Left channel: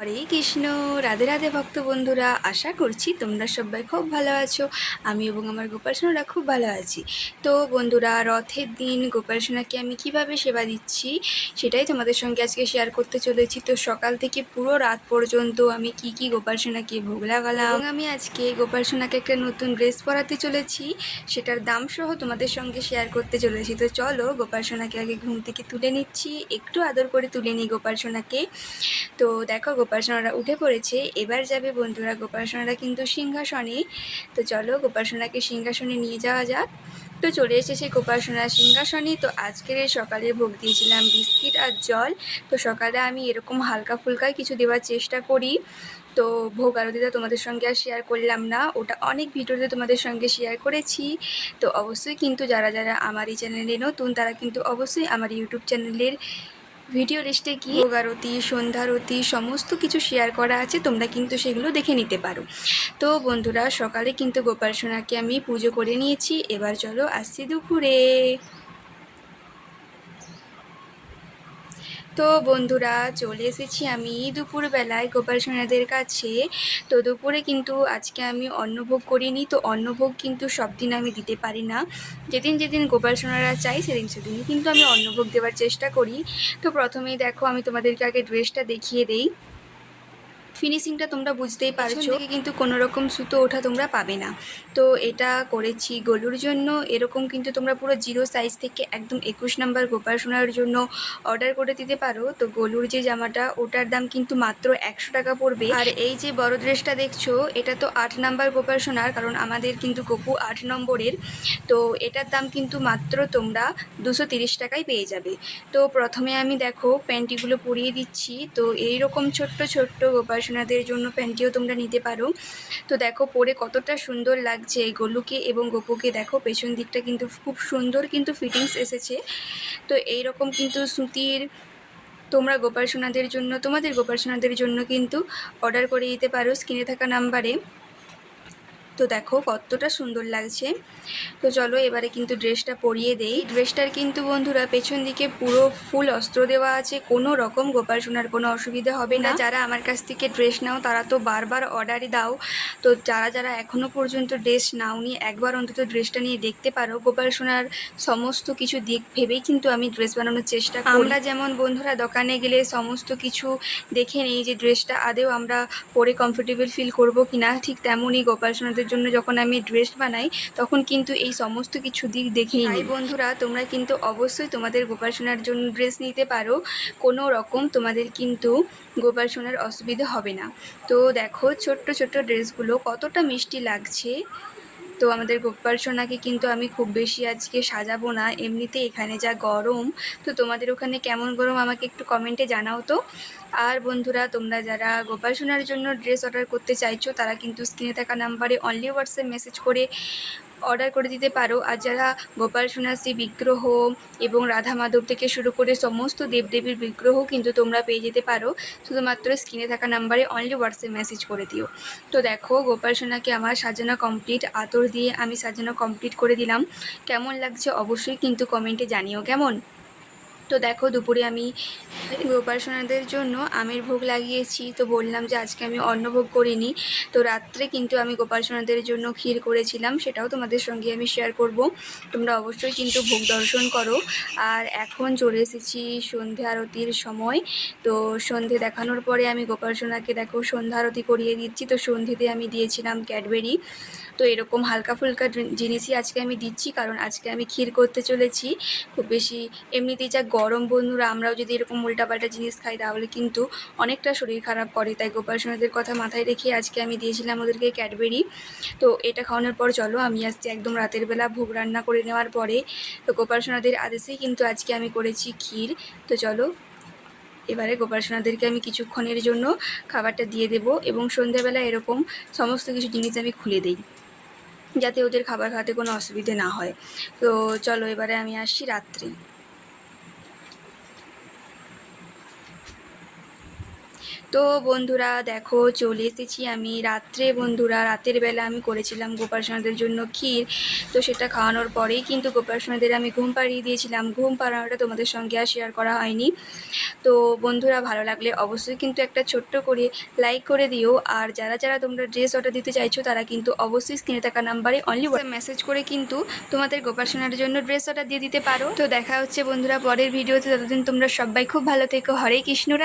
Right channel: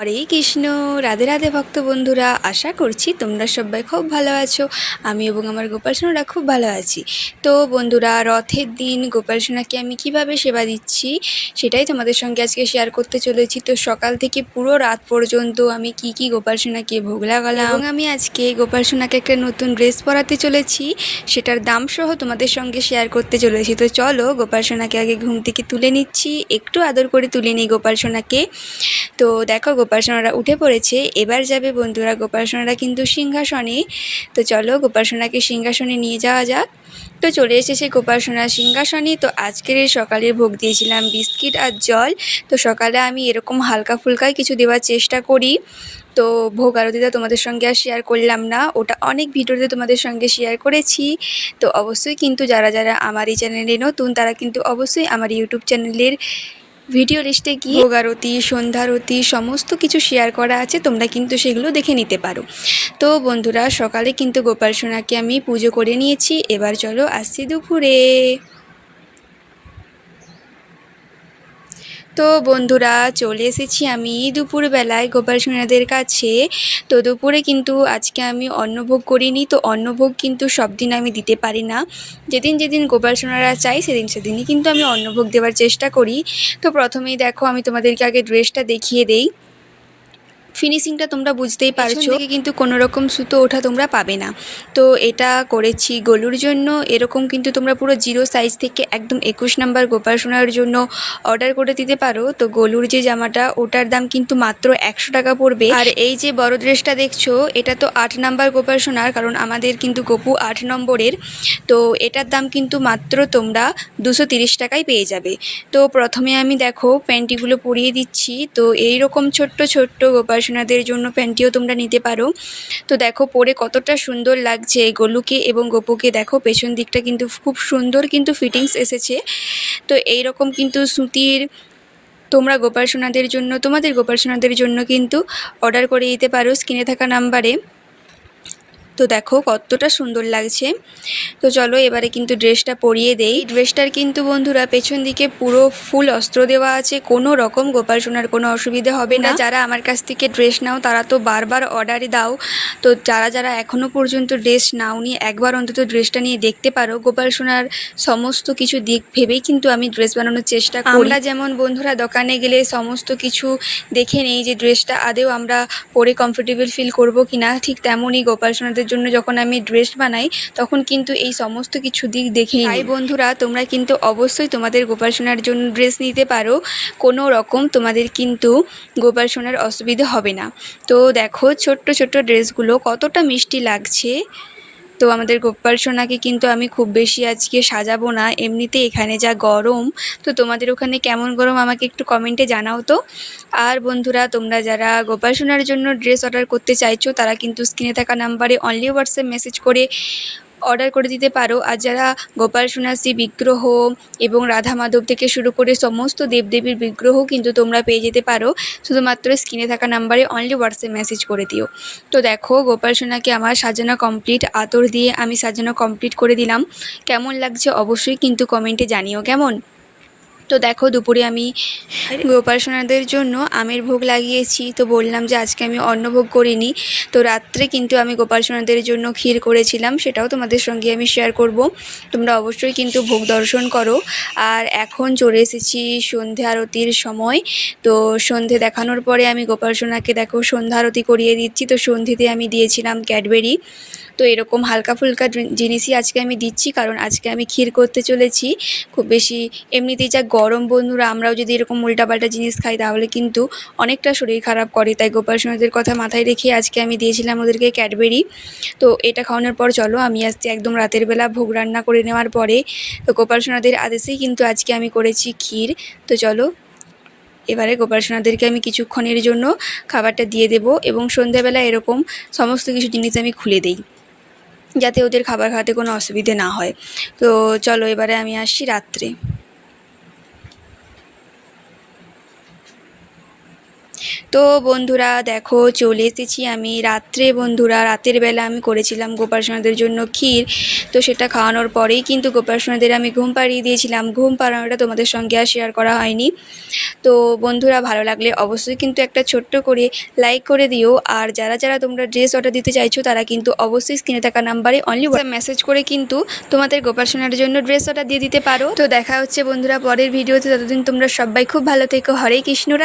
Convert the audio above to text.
হরে কৃষ্ণ, রাধে রাধে ভক্ত বন্ধুরা, আশা করছি তোমরা সবাই খুব ভালো আছো। আমি এবং আমার গোপাল সোনারা খুব ভালো আছি। তো বন্ধুরা, রথের দিন গোপাল সোনাকে আমি কীভাবে সেবা দিচ্ছি সেটাই তোমাদের সঙ্গে আজকে শেয়ার করতে চলেছি। তো সকাল থেকে পুরো রাত পর্যন্ত আমি কি কি গোপাল সোনাকে ভোগ লাগালাম এবং আমি আজকে গোপাল সোনাকে একটা নতুন ড্রেস পরাতে চলেছি। সেটার দাম সহ তোমাদের সঙ্গে শেয়ার করতে চলেছি। তো চলো গোপাল সোনাকে আগে ঘুম থেকে তুলে নিচ্ছি। একটু আদর করে তুলে নিই গোপাল সোনাকে তো দেখো গোপাল সোনারা উঠে পড়েছে। এবার যাবে বন্ধুরা গোপাল সোনারা কিন্তু সিংহাসনে। তো চলো গোপাল সোনাকে সিংহাসনে নিয়ে যাওয়া যাক। তো চলে এসেছে গোপাল সোনার সিংহাসনে। তো আজকের এই সকালের ভোগ দিয়েছিলাম বিস্কিট আর জল। তো সকালে আমি এরকম হালকা ফুলকাই কিছু দেওয়ার চেষ্টা করি। তো ভোগ আরতিটা তোমাদের সঙ্গে আর শেয়ার করলাম না। ওটা অনেক ভিডিওতে তোমাদের সঙ্গে শেয়ার করেছি। তো অবশ্যই কিন্তু যারা যারা আমার এই চ্যানেলে নতুন, তারা কিন্তু অবশ্যই আমার ইউটিউব চ্যানেলের ভিডিও লিস্টে গিয়ে ভোগারতি, সন্ধ্যারতি সমস্ত কিছু শেয়ার করা আছে, তোমরা কিন্তু সেগুলো দেখে নিতে পারো। তো বন্ধুরা, সকালে কিন্তু গোপাল সোনাকে আমি পুজো করে নিয়েছি। এবার চলো আসছি দুপুরে। তো বন্ধুরা, চলে এসেছি আমি দুপুরবেলায় গোপাল সোনাদের কাছে। তো দুপুরে কিন্তু আজকে আমি অন্নভোগ করিনি, তো অন্নভোগ কিন্তু সব দিন আমি দিতে পারি না। যেদিন যেদিন গোপাল সোনারা চাই, সেদিন সেদিনই কিন্তু আমি অন্নভোগ দেওয়ার চেষ্টা করি। তো প্রথমেই দেখো, আমি তোমাদেরকে আগে ড্রেসটা দেখিয়ে দেই। ফিনিশিংটা তোমরা বুঝতেই পারছ। কিন্তু কোনো রকম সুতো ওঠা তোমরা পাবে না। তো এটা করেছি গলুর জন্য। এরকম কিন্তু তোমরা পুরো জিরো সাইজ থেকে একদম একুশ নাম্বার গোপাল সোনার জন্য অর্ডার করে দিতে পারো। তো গলুর যে জামাটা ওটার দাম কিন্তু মাত্র একশো টাকা পড়বে। আর এই যে বড় ড্রেসটা দেখছ এটা তো আট নাম্বার গোপাল সোনার কারণ আমাদের কিন্তু গপু আট নম্বরের। তো এটার দাম কিন্তু মাত্র তোমরা দুশো তিরিশ টাকায় পেয়ে যাবে। তো প্রথমে আমি দেখো প্যান্টিগুলো পরিয়ে দিচ্ছি। তো এই রকম ছোট্ট ছোট্ট গোপাল সোনাদের জন্য প্যান্টিও তোমরা নিতে পারো। তো দেখো পরে কতটা সুন্দর লাগছে এই গলুকে এবং গোপুকে। দেখো পেছন দিকটা কিন্তু খুব সুন্দর কিন্তু ফিটিংস এসেছে। তো এই রকম কিন্তু সুতির তোমরা গোপাল সোনাদের জন্য, তোমাদের গোপাল সোনাদের জন্য কিন্তু অর্ডার করে দিতে পারো স্ক্রিনে থাকা নাম্বারে। তো দেখো কতটা সুন্দর লাগছে। তো চলো এবারে কিন্তু ড্রেসটা পরিয়ে দেই। ড্রেসটার কিন্তু বন্ধুরা পেছন দিকে পুরো ফুল অস্ত্র দেওয়া আছে। কোনো রকম গোপাল সোনার কোনো অসুবিধা হবে না। যারা আমার কাছ থেকে ড্রেস নাও তারা তো বারবার অর্ডারই দাও। তো যারা যারা এখনও পর্যন্ত ড্রেস নাওনি একবার অন্তত ড্রেসটা নিয়ে দেখতে পারো। গোপাল সোনার সমস্ত কিছু দিক ভেবেই কিন্তু আমি ড্রেস বানানোর চেষ্টা করি। আমরা যেমন বন্ধুরা দোকানে গেলে সমস্ত কিছু দেখে নেই যে ড্রেসটা আদেও আমরা পরে কমফোর্টেবল ফিল করব কি না ঠিক তেমনই গোপাল সোনাদের জন্য যখন আমি ড্রেস বানাই তখন কিন্তু এই সমস্ত কিছু দিক দেখেই তাই বন্ধুরা তোমরা কিন্তু অবশ্যই তোমাদের গোপাল সোনার জন্য ড্রেস নিতে পারো। কোনো রকম তোমাদের কিন্তু গোপাল সোনার অসুবিধা হবে না। তো দেখো ছোট্ট ছোট্ট ড্রেসগুলো কতটা মিষ্টি লাগছে। তো আমাদের গোপাল সোনাকে কিন্তু আমি খুব বেশি আজকে সাজাবো না। এমনিতে এখানে যা গরম, তো তোমাদের ওখানে কেমন গরম আমাকে একটু কমেন্টে জানাও তো। আর বন্ধুরা, তোমরা যারা গোপাল সোনার জন্য ড্রেস অর্ডার করতে চাইছো, তারা কিন্তু স্ক্রিনে থাকা নাম্বারে অনলি হোয়াটসঅ্যাপ মেসেজ করে অর্ডার করে দিতে পারো। আর যারা গোপাল সোনাসি বিগ্রহ এবং রাধা মাধব থেকে শুরু করে সমস্ত দেবদেবীর বিগ্রহ কিন্তু তোমরা পেয়ে যেতে পারো। শুধুমাত্র স্ক্রিনে থাকা নাম্বারে অনলি হোয়াটসঅ্যাপ মেসেজ করে দিও। তো দেখো, গোপাল সোনাকে আমার সাজানো কমপ্লিট আতর দিয়ে আমি সাজানো কমপ্লিট করে দিলাম। কেমন লাগছে অবশ্যই কিন্তু কমেন্টে জানিও, কেমন? তো দেখো দুপুরে আমি গোপালসোনাদের জন্য আমের ভোগ লাগিয়েছি। তো বললাম যে আজকে আমি অন্নভোগ করিনি। তো রাত্রে কিন্তু আমি গোপাল সোনাদের জন্য ক্ষীর করেছিলাম। সেটাও তোমাদের সঙ্গে আমি শেয়ার করব। তোমরা অবশ্যই কিন্তু ভোগ দর্শন করো। আর এখন চলে এসেছি সন্ধে আরতির সময়। তো সন্ধে দেখানোর পরে আমি গোপাল সোনাকে দেখো সন্ধ্যা আরতি করিয়ে দিচ্ছি। তো সন্ধ্যেতে আমি দিয়েছিলাম ক্যাডবেরি। তো এরকম হালকা ফুলকা জিনিসই আজকে আমি দিচ্ছি, কারণ আজকে আমি ক্ষীর করতে চলেছি। খুব বেশি এমনিতেই যা গরম বন্ধুরা, আমরাও যদি এরকম উল্টাপাল্টা জিনিস খাই, তাহলে কিন্তু অনেকটা শরীর খারাপ করে। তাই গোপাল সোনাদের কথা মাথায় রেখে আজকে আমি দিয়েছিলাম ওদেরকে ক্যাডবেরি। তো এটা খাওয়ানোর পর চলো, আমি আসছি একদম রাতের বেলা ভোগ রান্না করে নেওয়ার পরে। তো গোপাল সোনাদের আদেশেই কিন্তু আজকে আমি করেছি ক্ষীর। তো চলো, এবারে গোপাল সোনাদেরকে আমি কিছুক্ষণের জন্য খাবারটা দিয়ে দেব এবং সন্ধ্যাবেলা এরকম সমস্ত কিছু জিনিস আমি খুলে দিই। যাতে ওদের খাবার খাওয়াতে কোনো অসুবিধে না হয়। তো চলো এবারে আমি আসছি রাত্রে। তো বন্ধুরা, দেখো, চলে এসেছি আমি রাত্রে বন্ধুরা। রাতের বেলা আমি করেছিলাম গোপাল সোনাদের জন্য ক্ষীর। তো সেটা খাওয়ানোর পরেই কিন্তু গোপাল সোনাদের আমি ঘুম পাড়িয়ে দিয়েছিলাম। ঘুম পাড়ানোটা তোমাদের সঙ্গে আর শেয়ার করা হয়নি। তো বন্ধুরা, ভালো লাগলে অবশ্যই কিন্তু একটা ছোট্ট করে লাইক করে দিও। আর যারা যারা তোমরা ড্রেস অর্ডার দিতে চাইছো, তারা কিন্তু অবশ্যই স্ক্রিনে থাকা নাম্বারে অনলি মেসেজ করে কিন্তু তোমাদের গোপাল সোনার জন্য ড্রেস অর্ডার দিয়ে দিতে পারো। তো দেখা হচ্ছে বন্ধুরা, পরের ভিডিওতে ততদিন তোমরা সবাই খুব ভালো থেকো। হরে কৃষ্ণরা